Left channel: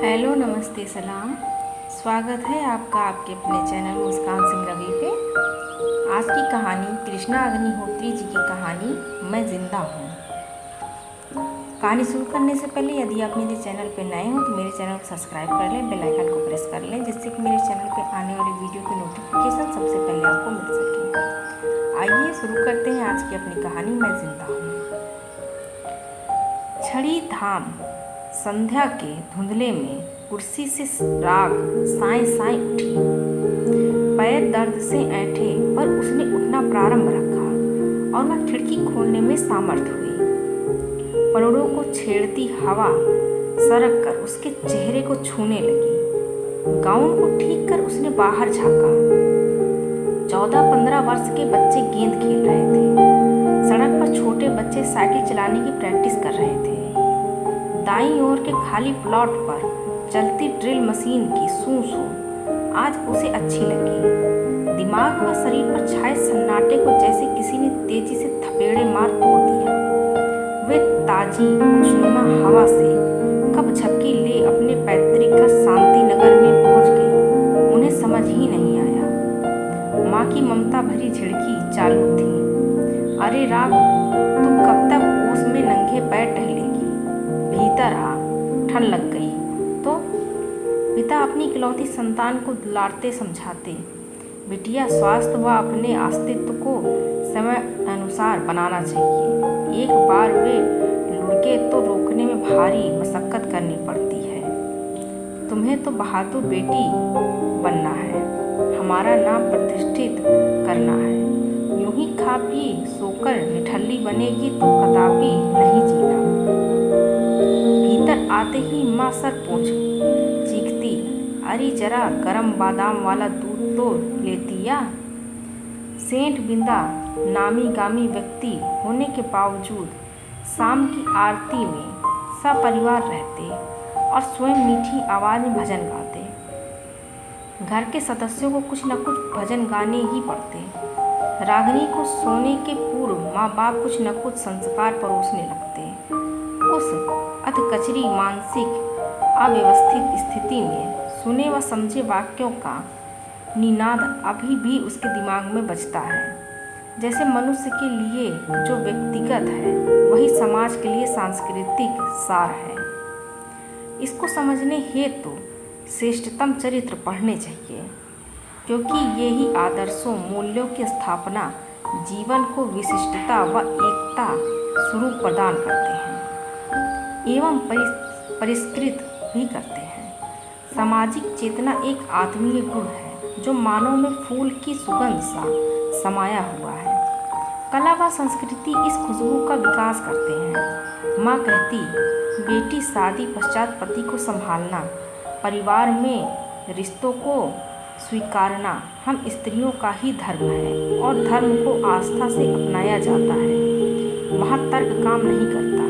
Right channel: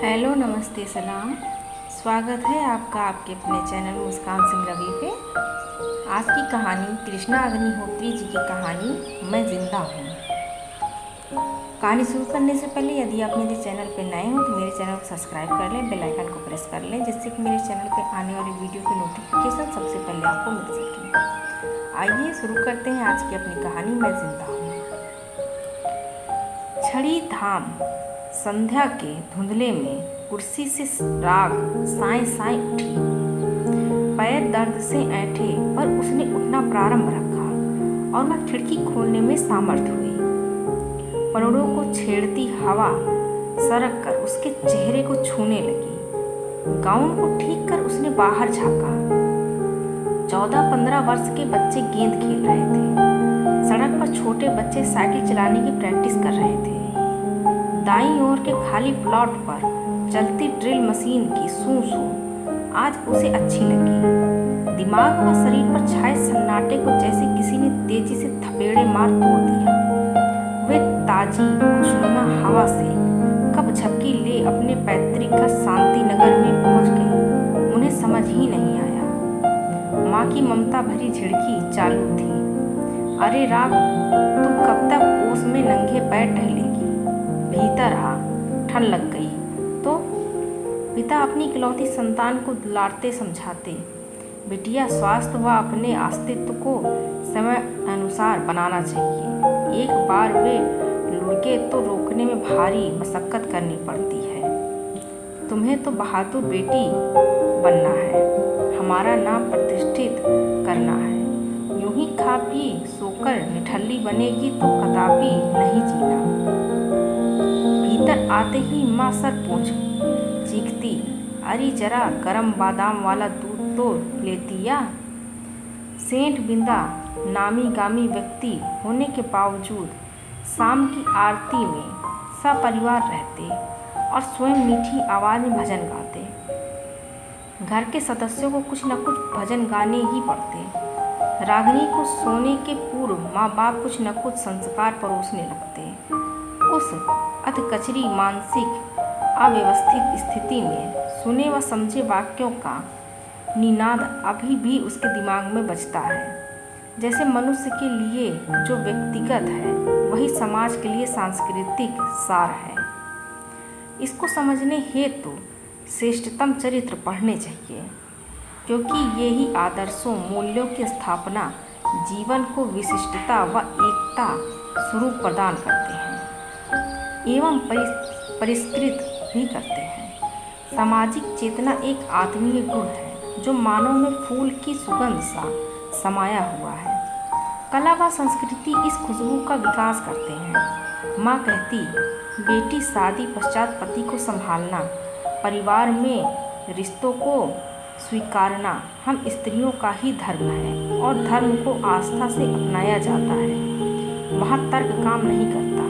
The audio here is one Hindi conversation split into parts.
हेलो, नमस्ते, सलाम। स्वागत है आपका आपके अपने चैनल मुस्कान सिंह रवि पे। आज की कहानी कृष्णा अग्निहोत्री जी की कहानी मैं ज़िंदा हूँ। कहानी शुरू करने से पहले यदि आप मेरे चैनल पे नए हो तो मेरे चैनल को सब्सक्राइब कर लें, बेल आइकन को प्रेस कर लें, जिससे कि मेरे चैनल पे आने वाली वीडियो की नोटिफिकेशन सबसे पहले आपको मिल सके। आइए शुरू करते हैं आज की अपनी कहानी मैं ज़िंदा हूँ। छड़ी धाम संध्या के धुंधले में कुर्सी से राग साएं साएं उठी। पैर दर्द से ऐंठे पर उसने उठना प्रारंभ रखा और वह खिड़की खोलने में सामर्थ हुई। परोड़ों को छेड़ती हवा सरक कर उसके चेहरे को छूने लगी। गाउन को ठीक कर उसने बाहर झांका। 14-15 वर्ष के बच्चे गेंद खेल रहे थे। सड़क पर छोटे बच्चे साइकिल चलाने की प्रैक्टिस कर रहे थे। दाईं ओर के खाली प्लॉट पर चलती ड्रिल मशीन की सूं सूं आज उसे अच्छी लगी। दिमाग व शरीर पर छाए सन्नाटे को जैसे किसी ने तेजी से थपेड़े मार तोड़ दिया। वे ताजी खुशनुमा हवा से कब झपकी ले अपने पैतृक घर शांति नगर में पहुंच गई, उन्हें समझ ही नहीं आया। माँ की ममता भरी झिड़की चालू थी। अरे राग, तू कब तक ओस में नंगे पैर टहलेगी? भीतर आ, ठंड लग गई तो। पिता अपनी इकलौती संतान को दुलारते समझाते, बिटिया स्वास्थ्य व अपने अस्तित्व को समय अनुसार बनाना चाहिए। एक बार वे लुढ़के तो रोकने में भारी मशक्कत करनी पड़ती है। तुम्हें तो बहादुर बेटी बनना है, हमारा नाम प्रतिष्ठित करना है। यूं ही खा पी सोकर निठल्ली बनेगी तो कदापि नहीं जीना। भीतर आते ही माँ सर पोंछ चीखती, अरे जरा गरम बादाम वाला दूध तो लेती या। सेंट बिंदा नामी गामी व्यक्ति होने के बावजूद शाम की आरती में सपरिवार रहते और स्वयं मीठी आवाज़ में भजन गाते। घर के सदस्यों को कुछ न कुछ भजन गाने ही पड़ते। रागिनी को सोने के पूर्व माँ बाप कुछ न कुछ संस्कार परोसने लगते। उस अधकचरी मानसिक अव्यवस्थित स्थिति में सुने व समझे वाक्यों का निनाद अभी भी उसके दिमाग में बजता है। जैसे मनुष्य के लिए जो व्यक्तिगत है वही समाज के लिए सांस्कृतिक सार है। इसको समझने हेतु श्रेष्ठतम चरित्र पढ़ने चाहिए, क्योंकि ये ही आदर्शों मूल्यों की स्थापना जीवन को विशिष्टता व एकता स्वरूप प्रदान करते हैं एवं परिष्कृत भी करते हैं। सामाजिक चेतना एक आत्मीय गुण है जो मानव में फूल की सुगंध सा समाया हुआ है। कला व संस्कृति इस खुशबू का विकास करते हैं। माँ कहती, बेटी शादी पश्चात पति को संभालना, परिवार में रिश्तों को स्वीकारना हम स्त्रियों का ही धर्म है और धर्म को आस्था से अपनाया जाता है। वहाँ तर्क काम नहीं करता।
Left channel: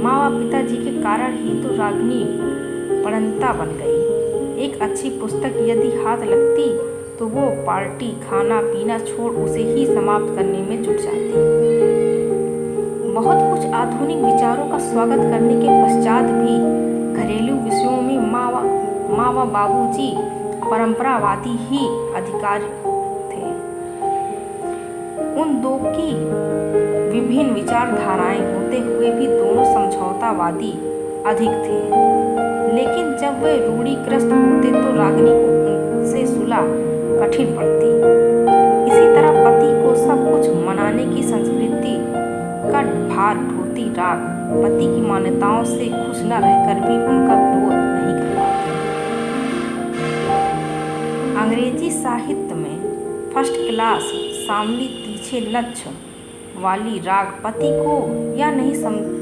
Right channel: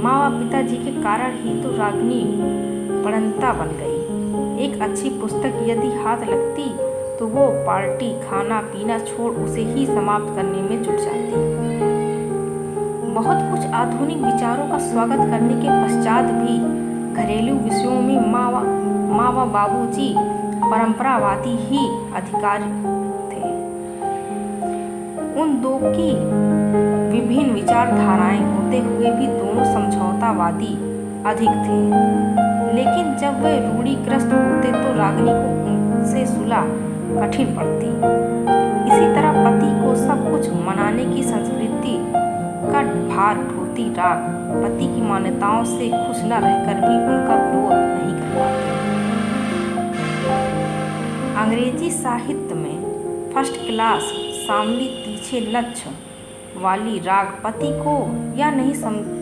माँ व पिताजी के कारण ही तो रागिनी पढ़ंता बन गई। एक अच्छी पुस्तक यदि हाथ लगती तो वो पार्टी खाना पीना छोड़ उसे ही समाप्त करने में जुट जाती। बहुत कुछ आधुनिक विचारों का स्वागत करने के पश्चात भी घरेलू विषयों में माँ व बाबूजी परंपरावादी ही अधिकारी थे। उन दो की विभिन्न विचारधाराएं होते हुए भी दोनों समझौतावादी अधिक थे। लेकिन जब वे रूढ़िग्रस्त होते तो रागिनी को उनसे सुलह कठिन पड़ती। इसी तरह पति को सब कुछ मनाने की संस्कृति का भार ढोती राग पति की मान्यताओं से खुश न रहकर भी उनका विरोध नहीं कर पाती। अंग्रेजी साहित्य में फर्स्ट क्लास शामली तीछे लक्ष्य वाली राग पति को यह नहीं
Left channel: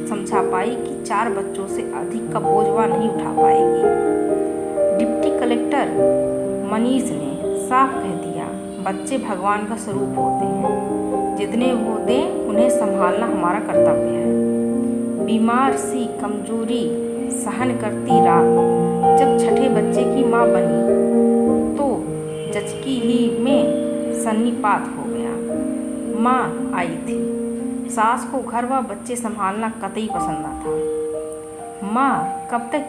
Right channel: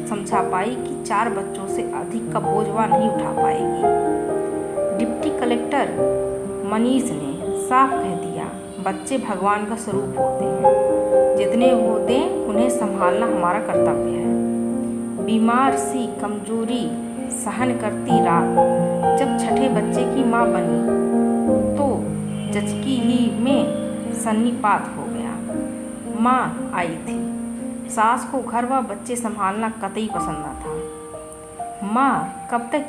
समझा पाई कि 4 बच्चों से अधिक का बोझ वह नहीं उठा पाएगी। डिप्टी कलेक्टर मनीष ने साफ कह दिया, बच्चे भगवान का स्वरूप होते हैं, जितने वो दें उन्हें संभालना हमारा कर्तव्य है। बीमार सी कमजोरी सहन करती राग जब छठे बच्चे की माँ बनी तो जचकी ही में सन्निपात हो गया। माँ आई थी। सास को घर व बच्चे संभालना कतई पसंद न था। माँ कब तक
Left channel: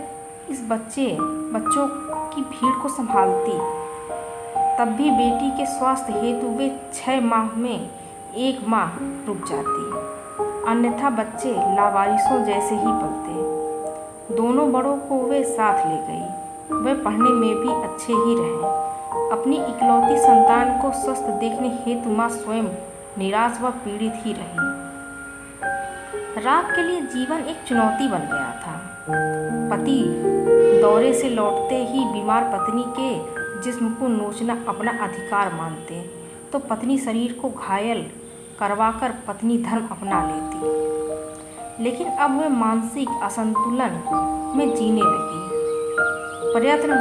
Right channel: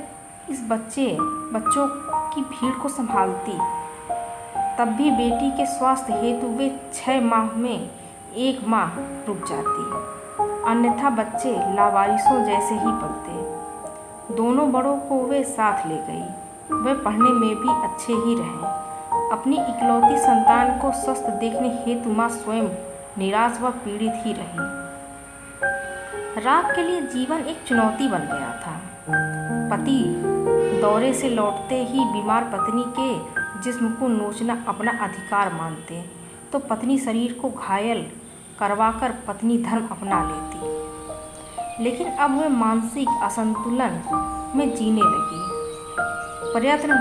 इस बच्चों की भीड़ को संभालती। तब भी बेटी के स्वास्थ्य हेतु वे 6 माह में 1 माह रुक जाती, अन्यथा बच्चे लावारिसों जैसे ही पलते। दोनों बड़ों को वे साथ ले गई। वे पढ़ने में भी अच्छे ही रहे। अपनी इकलौती संतान को स्वस्थ देखने हेतु माँ स्वयं निराश व पीड़ित ही रही। राग के लिए जीवन एक चुनौती बन गया था। पति दौरे से लौटते ही बीमार पत्नी के जिस्म को नोचना अपना अधिकार मानते, तो पत्नी शरीर को घायल करवाकर पत्नी धर्म अपना लेती। लेकिन अब वे मानसिक असंतुलन में जीने लगी। प्रयत्न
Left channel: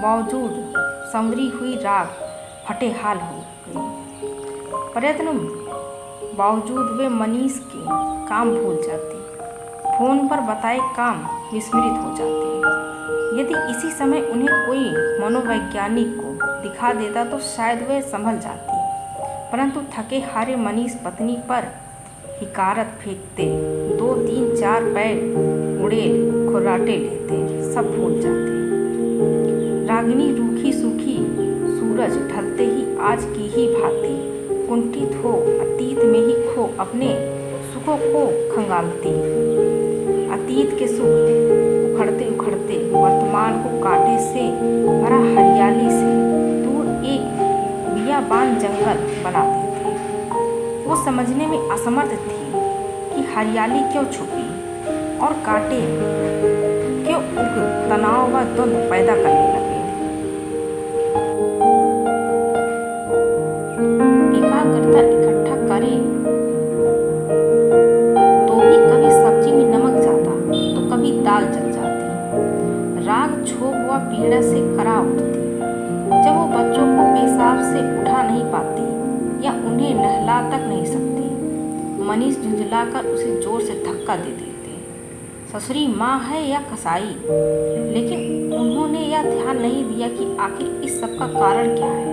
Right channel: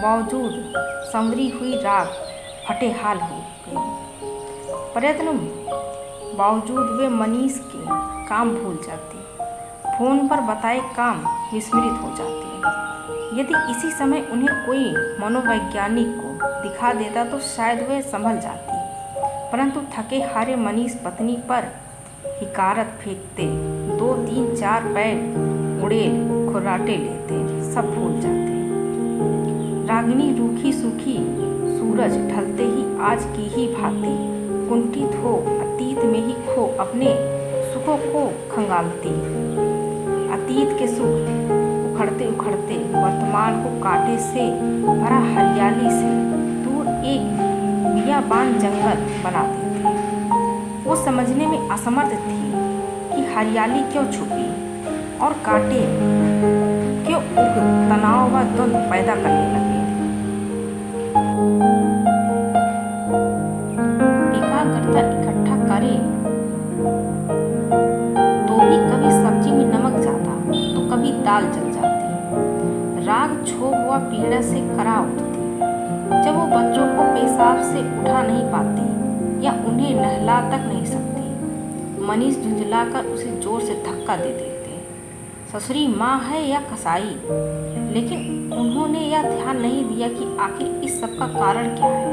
बावजूद संवरी हुई राग फटेहाल हो गई। प्रयत्न बावजूद वे मनीष के काम भूल जाती, फोन पर बताए काम विस्मृत हो जाते। यदि इसी समय उन्हें कोई मनोवैज्ञानिक को दिखा देता तो शायद वे संभल जाती, परंतु थके हारे मनीष पत्नी पर हिकारत फेंकते, 2 3 4 पैर उड़ेल खुर्राटे लेते, सब भूल जाते। रागिनी रूखी सूखी सूरज ढलते ही आज की ही भांति कुंठित हो अतीत में ही खो अपने सुखों को खंगालती। अतीत के सुख उखड़ते उखड़ते वर्तमान को कांटे से भरा हरियाली से दूर एक बियाबान जंगल बना देती। वो समझने में असमर्थ थी कि हरियाली क्यों छुपी और कांटे क्यों उग तनाव व द्वंद्व पैदा करने लगे। एकाग्रता इकट्ठा करे तो भी कभी सब्जी में नमक जाता तो कभी दाल जल जाती। राग क्षोभ व पीड़ा से करा उठती जब वो बच्चों को पेशाब से उठा नहीं पाती या उन्हें नहला तक नहीं सकती। मनीष झुंझलाकर उसे जोर से धक्का दे देते। ससुरी माँ है या कसाई, लेकिन उन्होंने यह ध्यान नहीं दिया कि आखिर इस सब का कारण क्या है।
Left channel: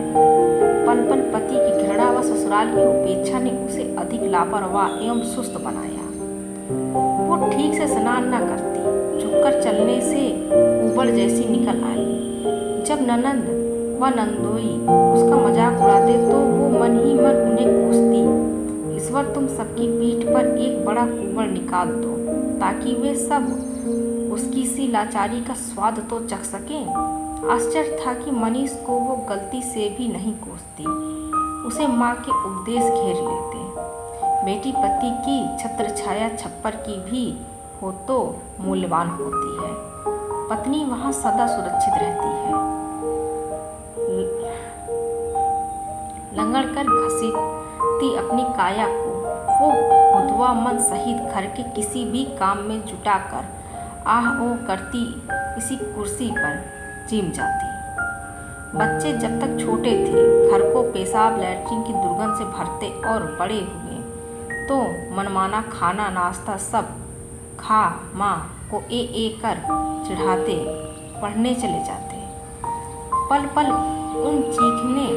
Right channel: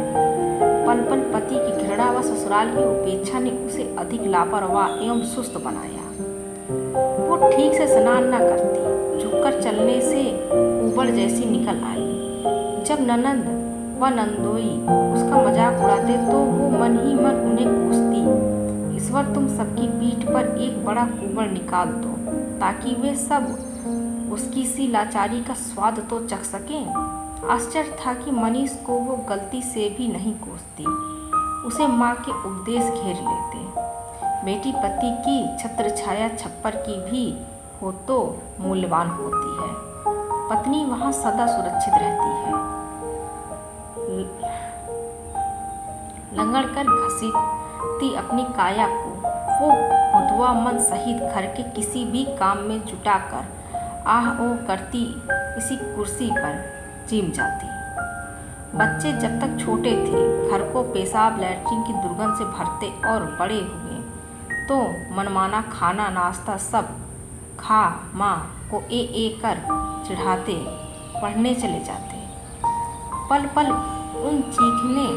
पल पल पति की घृणा व ससुराल की उपेक्षा ने उसे अधिक लापरवाह एवं सुस्त बनाया। वो ठीक से स्नान न करती, झुककर चलने से ऊबड़ जैसी निकल आई। जब ननंद व नंदोई उसका मजाक उड़ाते तो वो मन ही मन उन्हें कोसती, ईश्वर तुम सबकी पीठ पर एक बड़ा कुबड़ निकाल दो ताकि वे सब उसकी सी लाचारी का स्वाद तो चख सकें। आश्चर्य था कि मनीष को वो गलती से भी नहीं कोसती। उसे माँ के उपदेश घेर लेते। बेटी पति की छत्र छाया छप्पर की भी हो तो मूल्यवान होती है। पत्नी वहाँ सदा सुरक्षित रहती है। लंगड़ कर घसीटती अपनी काया को वो भुतवा मन सहित घर के किसी भी काम में जुटाकर आह ओह करती इसी कुर्सी पर चिम जाती। बच्चे जब तक छोटे थे घर को पेशाब लैट्रिन की दुर्गंध से भरते और बड़े हुए तो मनमाना खाना नाश्ता सब खा माँ को ए कर चिढ़ाते पढ़ने चले जाते। पल पल उन चीखने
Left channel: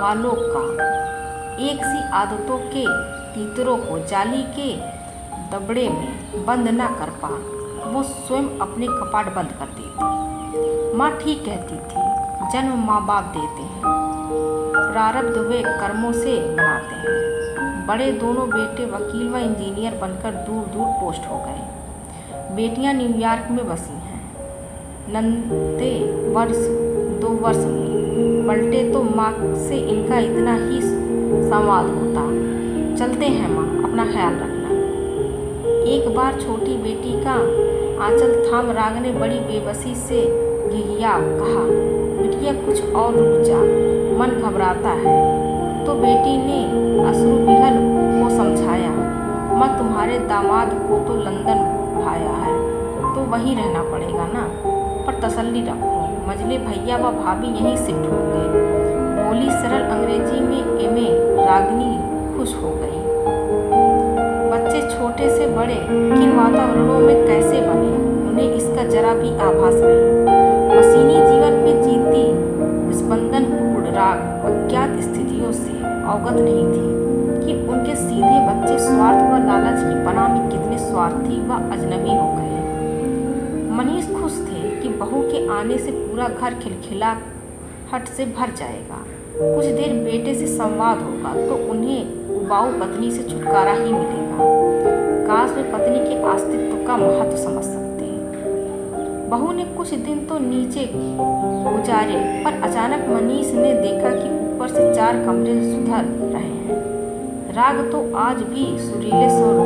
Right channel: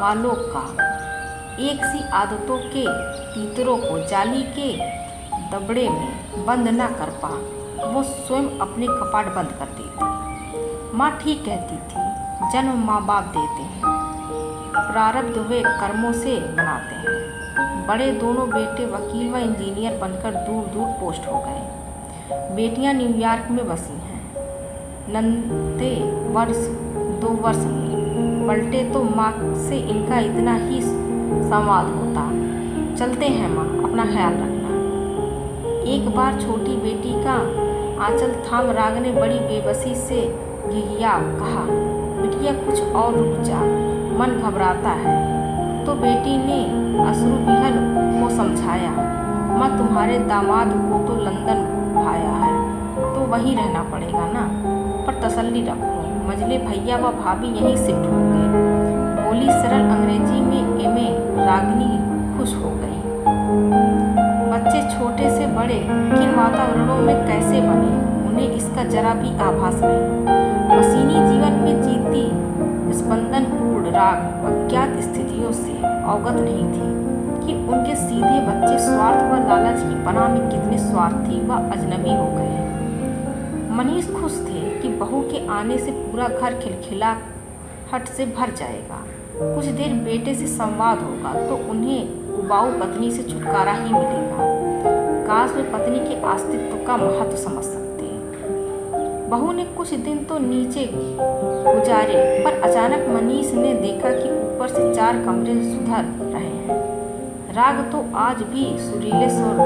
वालों का एक सी आदतों के तीतरों को जाली के दबड़े में बंद न कर पा वो स्वयं अपने कपाट बंद कर देती। माँ ठीक कहती थी, जन्म माँ बाप देते हैं, प्रारब्ध वे कर्मों से बनाते हैं। बड़े दोनों बेटे वकील व इंजीनियर बनकर दूर दूर पोस्ट हो गए। बेटियां न्यूयॉर्क में बसी हैं। नंदे वर्ष 2 वर्ष में पलटे तो माँ से इनका इतना ही संवाद होता, चलते हैं माँ, अपना ख्याल रखना। एक बार छोटी बेटी का आंचल थाम राग ने बड़ी बेबसी से घिघिया कहा, बिटिया कुछ और रुक जा, मन घबराता है। तो बेटी ने अश्रु विहल को समझाया, माँ तुम्हारे दामाद को तो लंदन भाया है तो वहीं रहना पड़ेगा ना, पर तसल्ली रखो, मजले भैया व भाभी यहीं शिफ्ट होंगे। बोली सरल अंग्रेजी में एमए रागिनी खुश हो गई। बच्चे छोटे से बड़े किन वातावरणों में कैसे बने उन्हें इसका जरा भी आभास नहीं। मशीनी जीवन में जीती स्पंदनपूर्ण राग अज्ञात स्थितियों से अवगत नहीं थी कि उनके सीधे बच्चे स्वार्थ व लालच की पनाह में कितने स्वार्थी व अजनबी हो गए। मनीष खुश थे कि बहू के आने से पूरा घर खिलखिलाहट से भर जाएगा। कुछ देर बेटे से संवाद होगा तो उन्हें उबाऊ पत्नी से छुटकारा ही मिलेगा। काश वे पत्नी के अस्तित्व का महत्व समझ सकते। बहू ने कुछ दिन तो नीचे गुजारे, पर अचानक मनीष ने देखा कि ऊपर से 4 कमरे सुधर रहे हैं। राग तो आज भी सुरीले सुर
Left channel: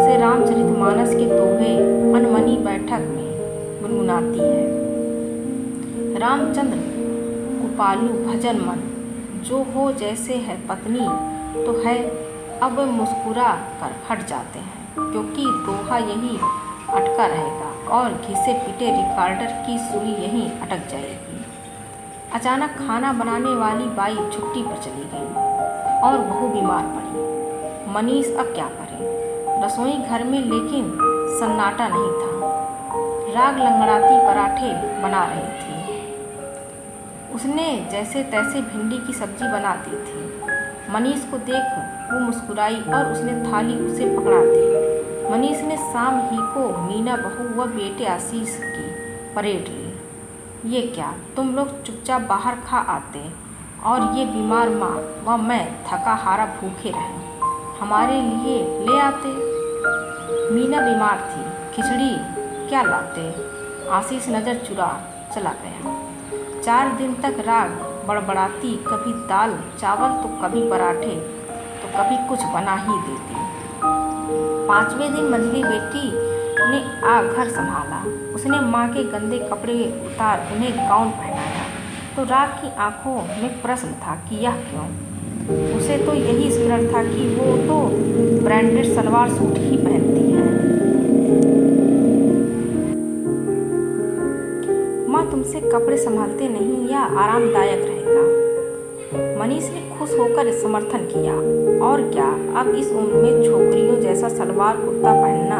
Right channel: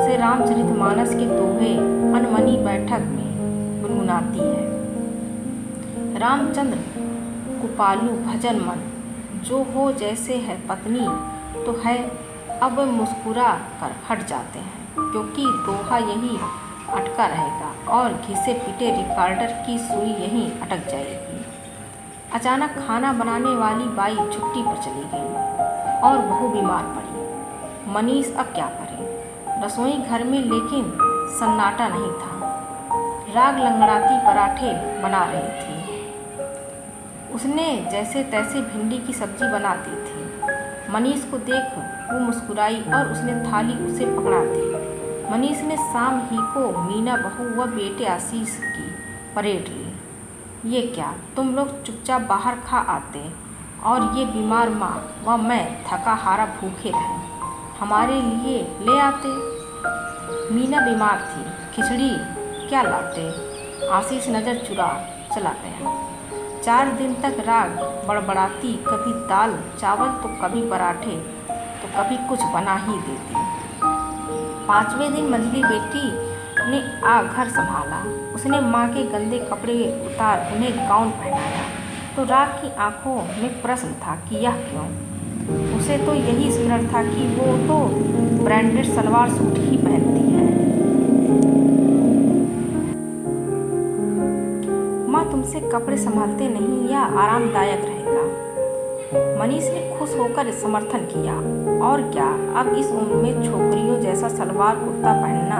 से रामचरितमानस के दोहे अनमनी बैठक में गुनगुनाती है। रामचंद्र कुपालू भजन मन, जो हो जैसे है पत्नी तो है, अब वे मुस्कुरा कर हट जाते हैं, क्योंकि दोहा यही अटका रहेगा और घिसे पिटे रिकॉर्डर की सुई यहीं अटक जाएगी। अचानक खाना बनाने वाली बाई छुट्टी पर चली गई और बहू बीमार पड़ी। मनीष अब क्या करे? रसोई घर में लेकिन सन्नाटा नहीं था। राग लंगड़ाती पराठे बना रही थी। उसने जैसे तैसे भिंडी की सब्जी बना दी थी। मनीष को देख वो मुस्कुराई और उसने थाली उसे पकड़ा दी। मनीष ने शाम ही को मीना बहू व बेटे आशीष की परेड ली। ये क्या, तुम लोग चुपचाप बाहर खा आते और ये बीमार माँ व मैं थका हारा भूखे रहे, हमारे लिए ले आते। मीना बीमार थी, खिचड़ी क्या लाते? आशीष नज़र चुरा चला गया। 4 दिन तक राग बड़बड़ाती, कभी दाल चावल तो कभी पराठे तो कभी कुछ बना ही देती। 5वें दिन मंझली बेटी ने घर संभाला। उसने माँ के गंदे कपड़े उतार उन्हें गाउन पहनाया तो राग की आंखों में प्रश्न था कि यह क्यों? उसे तो यही स्मरण था कि वो तो ब्रांडेड सलवार सूट ही पहनती है। माँ तुमसे कपड़े संभालते नहीं या आरामदायक रहेगा? मनीष ने खुश होकर समर्थन किया। और क्या, अब इस उम्र में छोकरियों जैसा सलवार कुर्ता पहनना।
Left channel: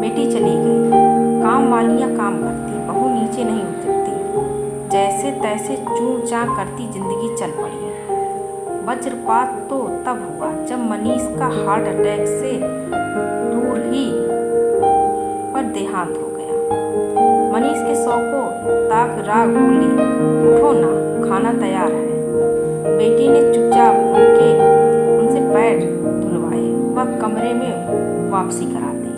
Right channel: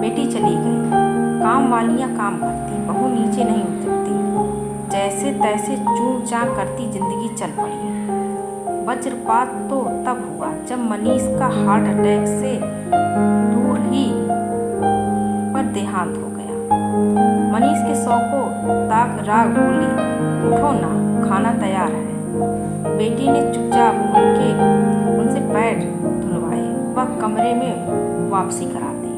बेटी चली गई। काम वालियाँ काम करती, बहू नीचे नहीं उतरती। जैसे तैसे चूं चां करती जिंदगी चल पड़ी। वज्रपात तो तब हुआ जब मनीष का हार्ट अटैक से दूर ही पर देहांत हो गया। मनीष के शव को ताक राग बोली, उठो ना, खाना तैयार है। बेटी ने चुपचाप उनसे पैर धुलवाए व कमरे में वापसी करा दी।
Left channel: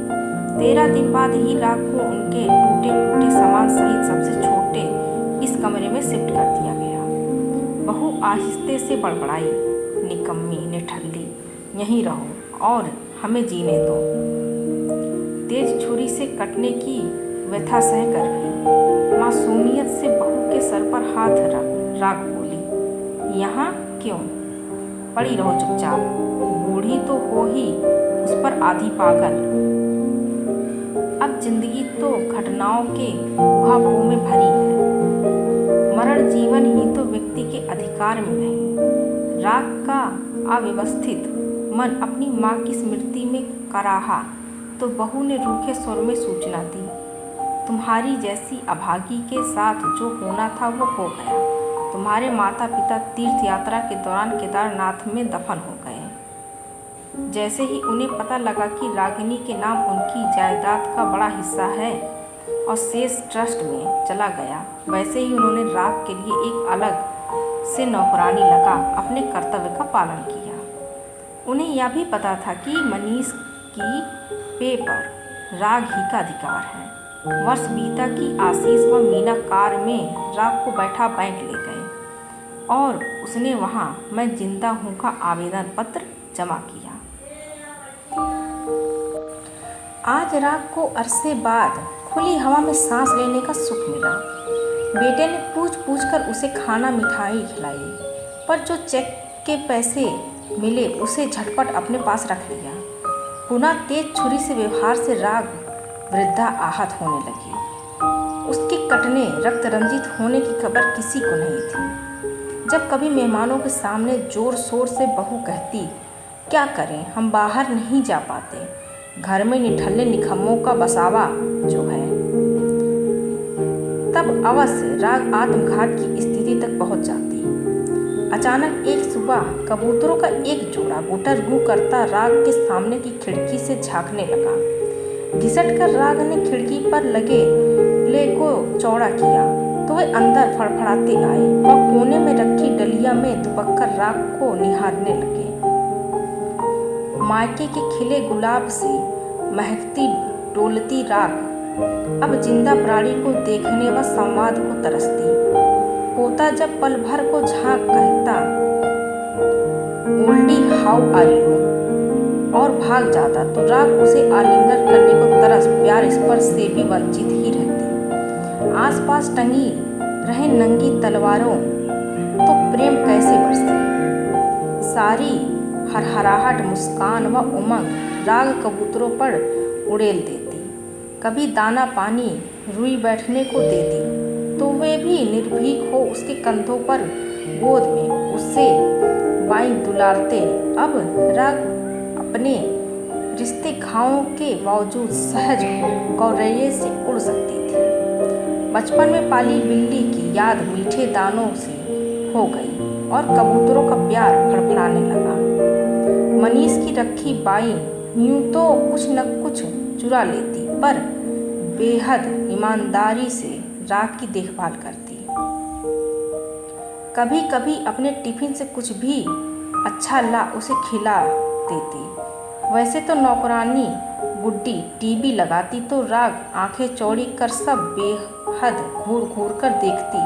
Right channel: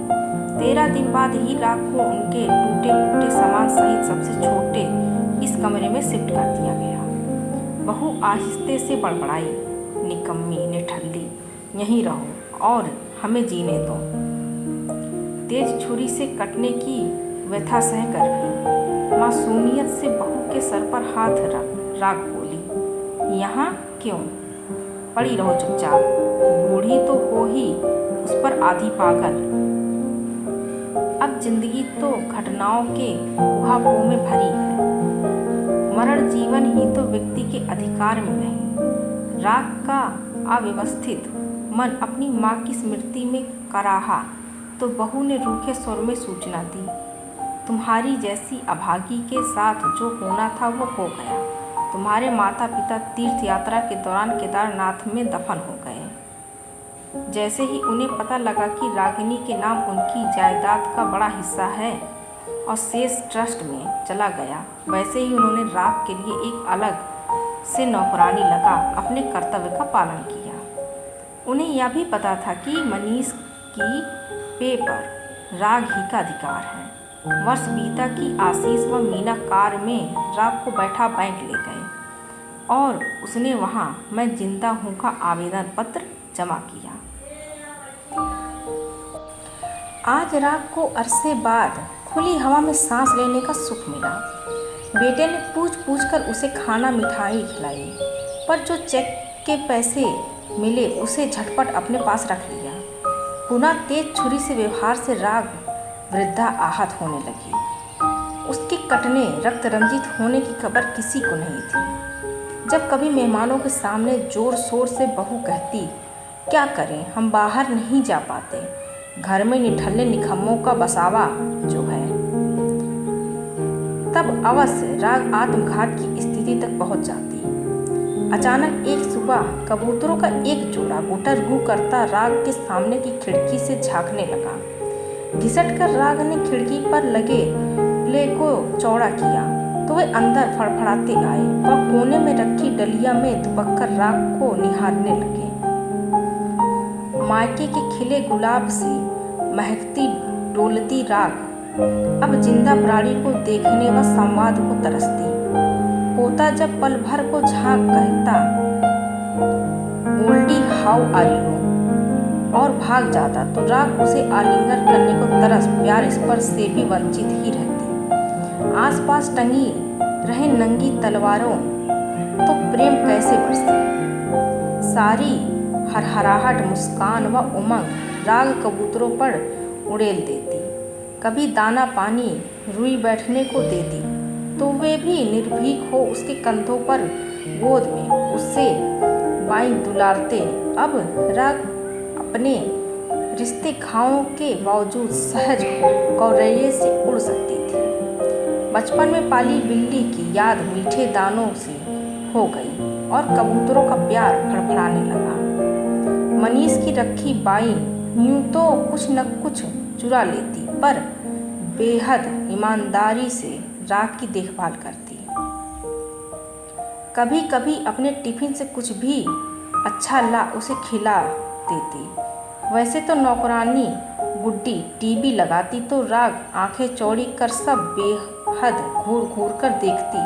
13 दिन बाद ही राग को उनके टूटे फूटे सामान सहित सबसे छोटे इस कमरे में शिफ्ट कर दिया गया। बहू आहिस्ते से बड़बड़ाई, निकम्मी निठल्ली, यहीं रहो और हमें जीने दो। तेज छुरी से कटने की व्यथा सहकर भी मासूमियत से बहू के सर पर हाथ रख राग बोली, यहाँ क्यों? पड़ी रहो चुपचाप। बूढ़ी तो हो ही, उस पर आधी पागल। अब जिंदगी तो घटनाओं के उहापोह में भरी है। मरण जीवन ही तो व्यक्ति के अधिकार में नहीं। राग का अव्यवस्थित मन अपनी माँ की स्मृति में कराहा तो बहू ने रूखे स्वर में सूचना दी, तुम्हारी जैसी अभागी के साथ जो होना था वो हो गया। तुम्हारे माता पिता तीर्थ यात्रा के दौरान केदारनाथ में दफन हो गए। जैसे ही उन्हें पता लगा कि रागिनी के नाम उनकी जायदाद का बड़ा हिस्सा है और शेष ट्रस्ट में चला गया, वैसे ही उन्होंने राग के लिए एक अलग से नौकरानी लगा अपने कर्तव्य का पालन किया। उन्हें यह भी पता था कि मनीष की पे पर राग ही का अधिकार है। वर्ष बीता कि आशीष व मीना कार में राग को बैठा बैंक ले गए और उसने वहाँ मैं जिंदा हूँ का आवेदन पत्र जमा किया। आज राग को अरसे बाद खुली हवा में सांस लेने का सुख मिला। बेटे ने पूछ कर उसे खाना मिठाई खिलाई, पर जो चेक के पैसे मिले उसे झटपट अपने पास रख लिया। पुनः तेज छुरी से व्यवहार से राग वृद्धा आहत होने लगी। उसके कटने रक्त रंजित होने की खबर किसी को नहीं थी। जब कभी मेहमानों के सामने जोर शोर से बहू कहती, क्या करें, हम बाहर नहीं जा पाते, घर में निठल्ले निखम्मों का बसावा जो है, तब अवश्य राग आत्मघात की स्थिति तक पहुंच जाती। अचानक एक सुबह कबूतरों का एक जोड़ा गुटर गू करता राग के सामने की खिड़की से झांकने लगा। घिसट कर राग ने खिड़की पर लगे प्ले को चौड़ा किया तो वे अंदर फड़फड़ाते आए। वह कोने में रखी डलिया में दुबककर राग को निहारने लगे। मायके के खिले गुलाब से महकती डोलती राग अब जिंदा प्राणी को देखने व संवाद को तरसती। होता जब पल भर को झांक कहता ओल्डी हाउ आर यू और भाग जाता तो राग उसे आलिंगन करने को तरस प्यार स्पर्श से भी वंचित ही रहती। आसपास टंगी रहे नंगी तलवारों तो प्रेम कैसे बरसे। सारी हरहराहट मुस्कान व उमंग राग कबूतरों पर उड़ेल देती। कभी दाना पानी रुई बैठने को देती तो वे भी निर्भीक हो उसके कंधों पर गोद में उससे बाई दुलारते। अब राग अपने रिश्ते घावों के बावजूद सहज हो गौरैये से उड़ सकती थी। बचपन में पाली बिल्ली की याद मीठे दानों से हो गई और कबूतरों का प्यार फड़फड़ाने लगा। मनीष की रखी बाई यूं तो कुछ न कुछ चुरा लेती पर बेहद ईमानदारी से राग की देखभाल करती। कभी कभी अपने टिफिन से कुछ भी अच्छा ला उसे खिला देती। वैसे तो नौकरानी गुड्डी टीवी लगाती तो राग आंखें चौड़ी कर सब बेहद घूर घूर कर देखती,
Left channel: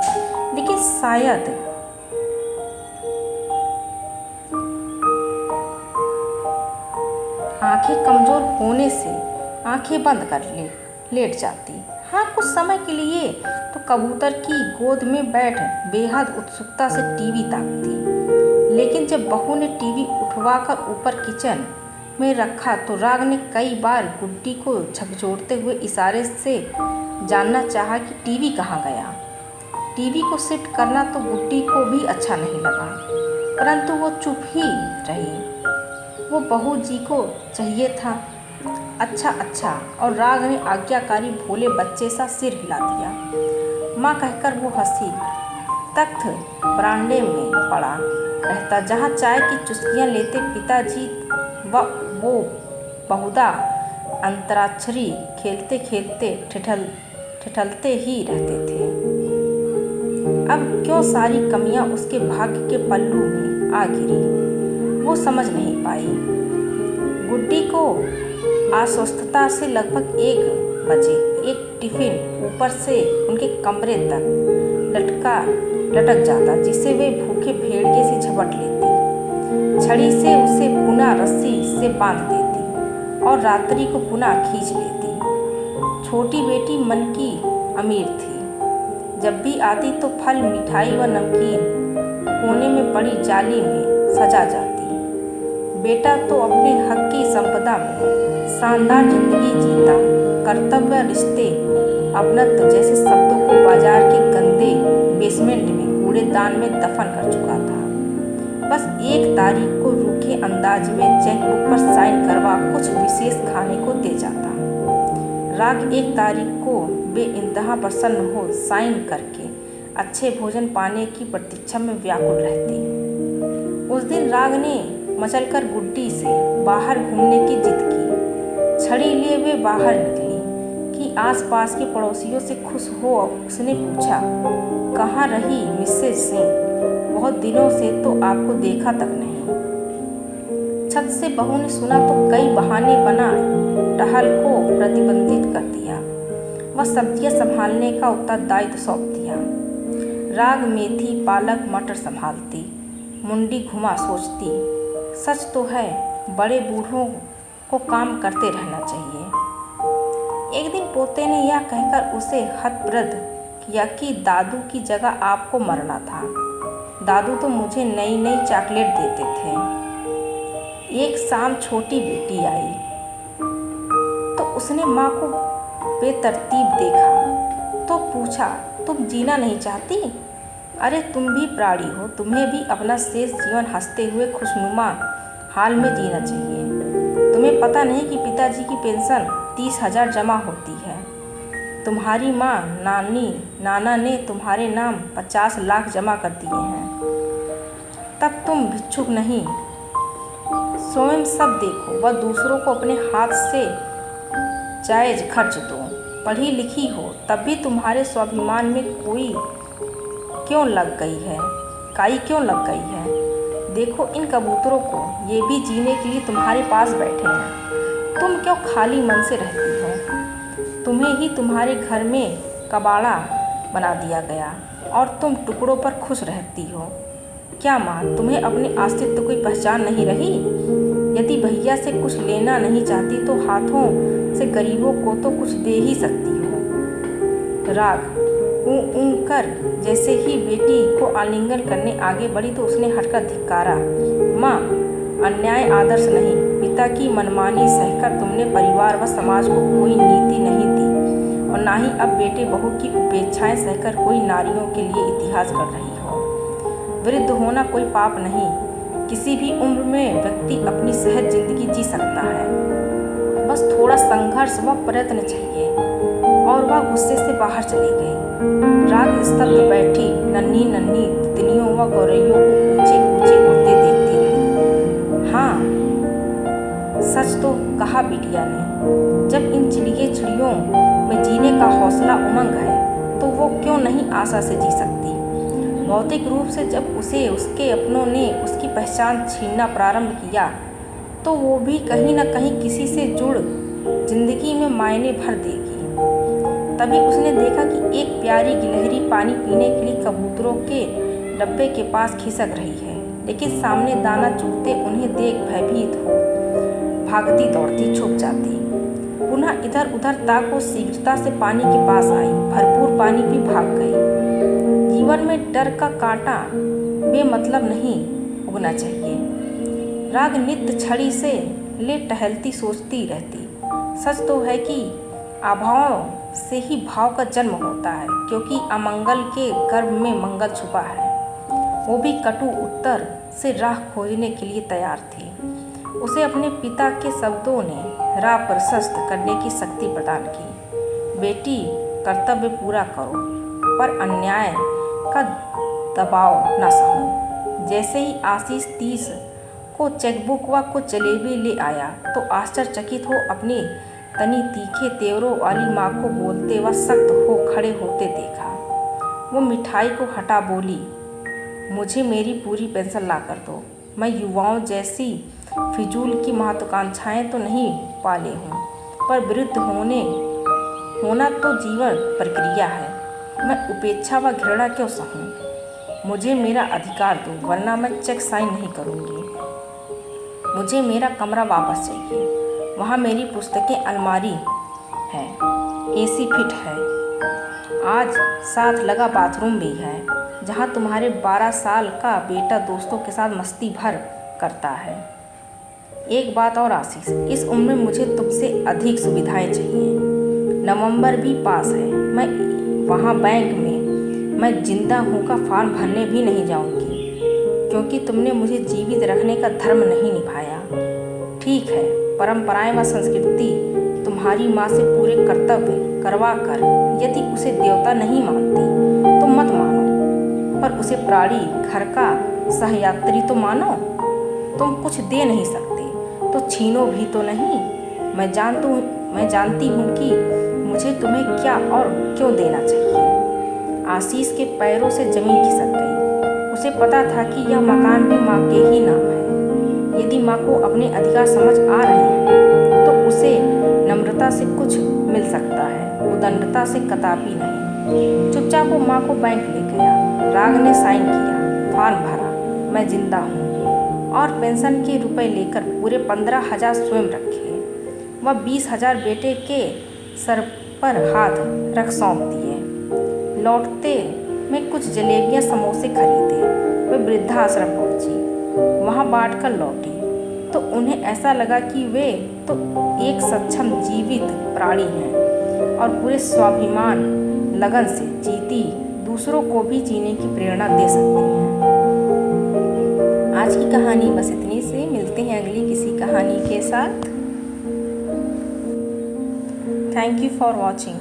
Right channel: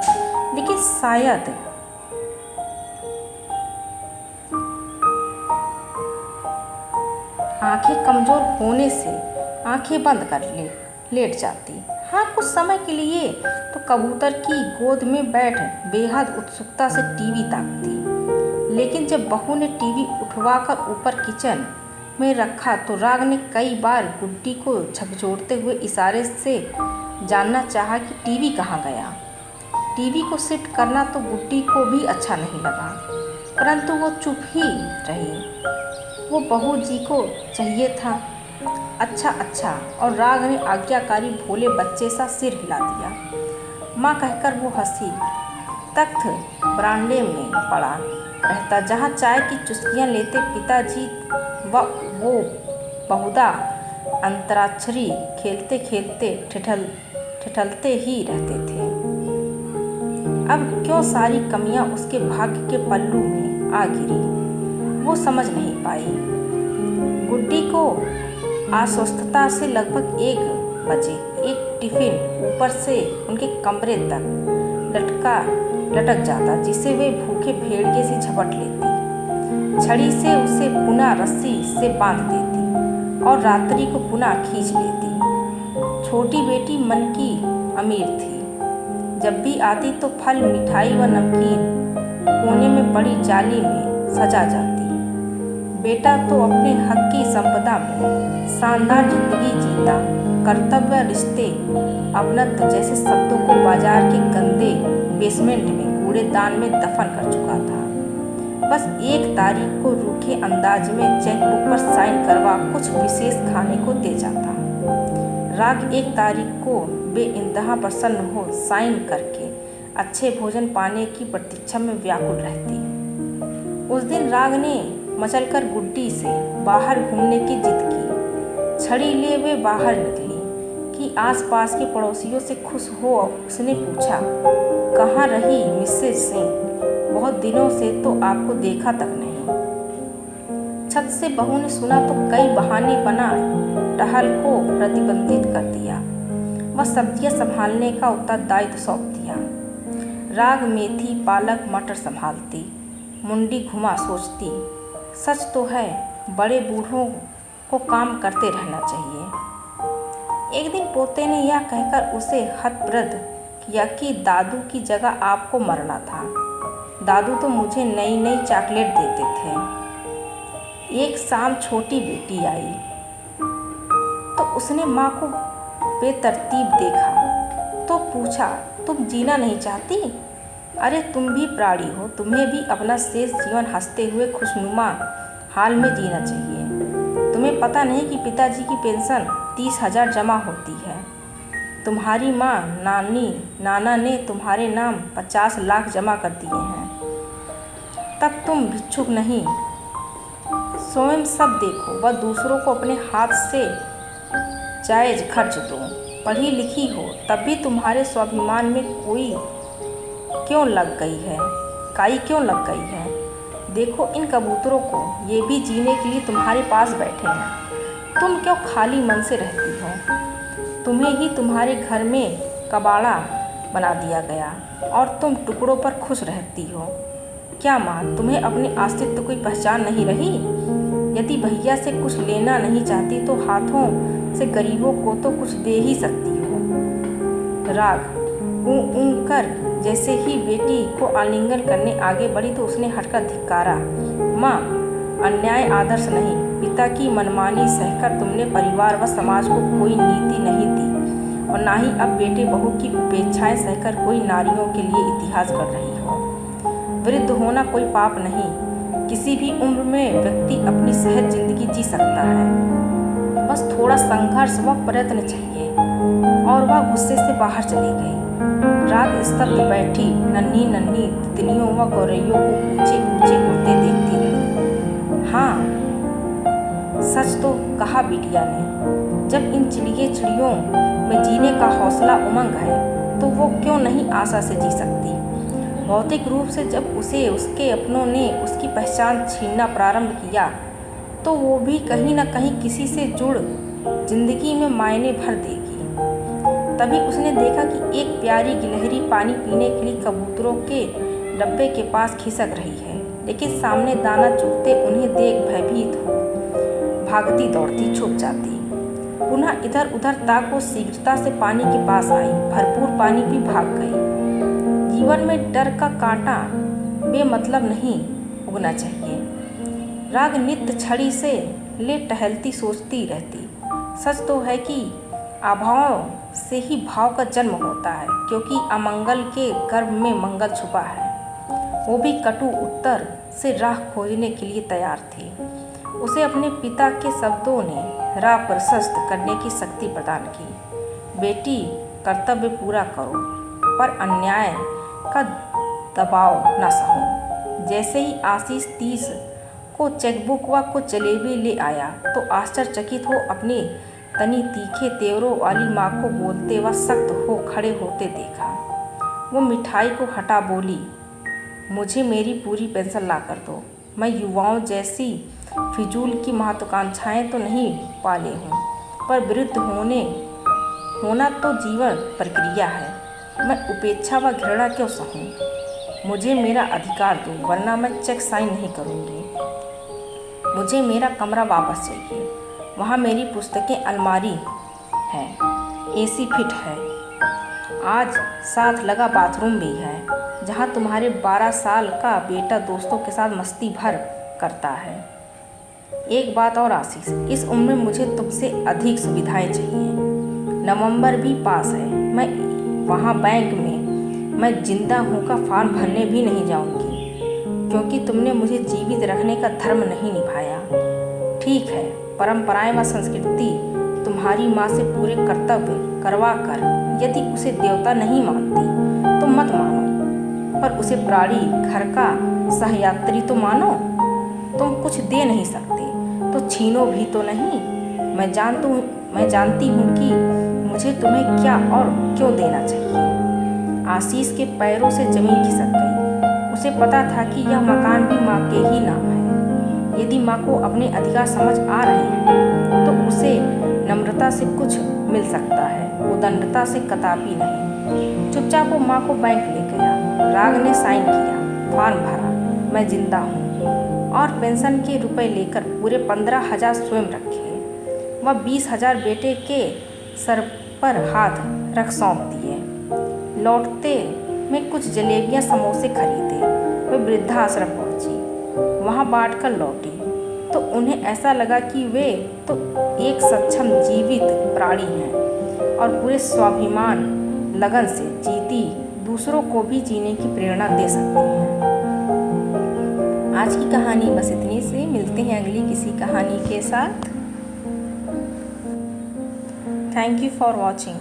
लेकिन शायद आंखें कमज़ोर होने से आंखें बंद कर लेट जाती। हाँ, कुछ समय के लिए तो कबूतर की गोद में बैठ बेहद उत्सुकता से टीवी ताकती। लेकिन जब बहू ने टीवी उठवाकर ऊपर किचन में रखा तो राग ने कई बार गुड्डी को झकझोरते हुए इशारे से जानना चाहा कि टीवी कहाँ गया। टीवी को शिफ्ट करना तो गुड्डी को भी अच्छा नहीं लगा, परंतु वो चुप ही रही। वो बहू जी को चाहिए था। अच्छा अच्छा, और राग ने आज्ञाकारी भोले बच्चे सा सिर हिला दिया। माँ कहकर वो हंसी। तख्त बरामदे में पड़ा रहता जहाँ चाय की चुस्कियाँ लेते पिताजी व वो बहुधा अंतराक्षरी खेलते खेलते ठिठलते ही रहते थे। अब क्यों सारी कमियाँ उसके भाग्य के पल्लू में आ गिरी वो समझ नहीं पाई। गुड्डी को अस्वस्थता से लगभग 1 बजे एक टिफिन ऊपर से उनके कमरे तक लटक जाता, जिसे वे भूखे भेड़िए से झपट लेती। छड़ी से उसे पुनः रस्सी से बांध देती और रात्रि को पुनः खींच लेती। छोटी बेटी मन की अमीर थी। जब भी आती तो फल मिठाई व नमकीन कोने में पड़ी जाली में सजा जाती। बेटा तो अपने हक की संपदा में शानदार जिंदगी जीता, कर्तव्य रिश्ते अपनत्व जैसे शब्दों को बाजार के गंदे बेसमेंट में कूड़ेदान में दफन कर चुका था। बस 1 तारीख को रूखे अंदाज में चेकबुक पर साइन करवा कुछ विशेष खाने को दे जाता। राग 1 तारीख को बेइंतहा प्रसन्न हो साइन करके अच्छे भोजन पाने की प्रतीक्षा में व्याकुल रहती। उस दिन राग ने मचलकर गुड्डी से बाहर घूमने की जिद की। छड़ी लिए वे बाहर निकली कि आसपास के पड़ोसियों से खुश हो उसने पूछा, कहाँ रही मिसेज सिंह? बहुत दिनों से तो आपको देखा तक नहीं। छत से बहू ने सुना तो कई बहाने बना टहल को प्रतिबंधित कर दिया। वह सब्जियां संभालने का उत्तरदायित्व सौंप दिया। राग मेथी पालक मटर संभालती, मुंडी घुमा सोचती, सच तो है बड़े बूढ़ों को काम करते रहना चाहिए। एक दिन पोते ने यह कहकर उसे हतप्रद किया कि दादू की जगह आपको मरना था। दादू तो मुझे नई नई चॉकलेट देते थे। एक शाम छोटी बेटी आई तो उसने माँ को बेतरतीब देखा तो पूछा, तुम जीना नहीं चाहती? अरे तुम भी प्राणी हो, तुम्हें भी अपना शेष जीवन हंसते हुए खुशनुमा हाल में जीना चाहिए। तुम्हें पता नहीं कि पिताजी की पेंशन 30,000 जमा होती है। तुम्हारी माँ नाना ने तुम्हारे नाम 50 लाख जमा कर दिए हैं। तब तुम भिक्षुक नहीं, स्वयं सब देखो। वह दूसरों को अपने हाथ से जायज़ खर्च दो। पढ़ी लिखी हो तब भी तुम्हारे स्वाभिमान में काई क्यों लग गई है? देखो इन कबूतरों को, ये भी जीने के लिए तुम्हारे पास बैठे हैं। तुम क्यों खाली मन से रहती हो? तुम्हें ही तुम्हारे घर में कबाड़ा बना दिया गया और तुम टुकड़ों पर खुश रहती हो। क्या माँ, तुम्हें अपने अस्तित्व की पहचान नहीं रही? यदि भैया से कुछ लेना नहीं चाहती तो हाथों से गरीबों को तो कुछ दे ही सकती हो। राग ऊँ कर जैसे ही बेटी को आलिंगन करने आगे बढ़ी तो उसने हटकर धिक्कारा। माँ, अन्याय आदर्श नहीं, पिता की मनमानी सहकर तुमने परिवार व समाज को कोई नीति नहीं दी और ना ही अब बेटे बहू की उपेक्षाएं सहकर कोई नारियों के लिए इतिहास कर रही हो। वृद्ध होना कोई पाप नहीं, किसी भी उम्र में व्यक्ति अपनी सहज जिंदगी जी सकता है। बस थोड़ा संघर्ष व प्रयत्न चाहिए। और वह गुस्से से बाहर चली गई। राग स्तब्ध बैठी नन्ही नन्ही तितलियों व गौरैयों को ऊंचे ऊंचे उड़ते देखती रही। हाँ, सच तो कहा बिटिया ने। जब इन चिड़ियों में जीने का हौसला उमंग है तो वो क्यों नहीं आशा से जी सकती? भौतिक रूप से जब उसे उसके अपनों ने उसकी पहचान छीनना प्रारंभ किया तो वो भी कहीं न कहीं किसी से जुड़ जिंदगी में मायने भर देगी। तभी उसने देखा कि एक प्यारी गिलहरी पानी पीने के लिए कबूतरों के डब्बे के पास खिसक रही है, लेकिन सामने दाना चुगते उन्हें देख भयभीत हो भागती दौड़ती छुप जाती। पुनः इधर उधर ताको शीघ्रता से पानी के पास आई, भरपूर पानी भी भाग गई। जीवन में डर का कांटा बेमतलब नहीं उगना चाहिए। राग नित्य छड़ी से ले टहलती सोचती रहती। सच तो है कि अभाव से ही भाव का जन्म होता है, क्योंकि अमंगल के गर्भ में मंगल छुपा है। वो भी कटु उत्तर से राह खोजने के लिए तैयार थी। उसे अपने पिता के शब्दों ने राह प्रशस्त करने की शक्ति प्रदान की। बेटी, कर्तव्य पूरा करो पर अन्याय का दबाव न सहो। जैसे ही आशीष 30 को चेकबुक व कुछ जलेबी ले आया तो आश्चर्यचकित हो अपनी तनी तीखे तेवरों वाली माँ को बोलते व सख्त हो खड़े होते देखा। वो मिठाई को हटा बोली, मुझे मेरी पूरी पेंशन ला कर दो। मैं युवाओं जैसी फिजूल की महत्वाकांक्षाएं तो नहीं पाले हूँ, पर वृद्ध होना तो जीवन प्रक्रिया है। मैं उपेक्षा व घृणा क्यों सहूँ? मुझे मेरा अधिकार दो, वरना मैं चेक साइन नहीं करूँगी। मुझे मेरा कमरा वापस चाहिए। वहाँ मेरी पुस्तकें अलमारी है, एसी फिट है, आज साथ लगा बाथरूम भी है, जहाँ तुम्हारे 12 साल का बेटा दोस्तों के साथ मस्ती भर करता है। एक बात और आशीष, इस उम्र में मुझे तुमसे अधिक सुविधाएं चाहिए। नवंबर भी पास है, मैं वहाँ बैंक में मैं जिंदा हूँ का फॉर्म भरने भी नहीं जाऊँगी, क्योंकि तुमने मुझे जीवित रखने का धर्म नहीं निभाया। ठीक है, परंपराएं व संस्कृति तुम्हारी माँ से पूरे कर्तव्य करवा कर यदि उसे देवता नहीं मानती तो मत मानो, पर उसे प्राणी घर का सहयात्री तो मानो। तुम कुछ दे नहीं सकते तो छीनो भी तो नहीं। मैं जानती हूँ कि मुझे तुम्हें क्या और क्यों देना चाहिए। आशीष के पैरों से जमीन खिसक गई। उसे पता था कि यह मकान भी माँ के ही नाम है। यदि माँ को अपने अधिकार समझ आ रहे हैं तो उसे नम्रता से कुछ मिल सकता है, उदंडता से कदापि नहीं। चुपचाप वो माँ को बैंक ले गया। राग ने साइन किया, फॉर्म भरा, मैं जिंदा हूँ, और पेंशन के रुपए लेकर पूरे 15,000 स्वयं रखे व 20,000 बेटे के सर पर हाथ रख सौंप दिए। लौटते में कुछ जलेबियाँ समोसे खरीदे। वे वृद्धाश्रम पहुँची, वहाँ बांट कर लौटी तो उन्हें ऐसा लगा कि वे तो एक सक्षम जीवित प्राणी हैं और पूरे स्वाभिमान लगन से जीती दूसरों को भी जीने की प्रेरणा दे सकती हैं। आज की कहानी बस इतनी से। मिलते हैं अगली किसी कहानी के साथ। Thank you for watching.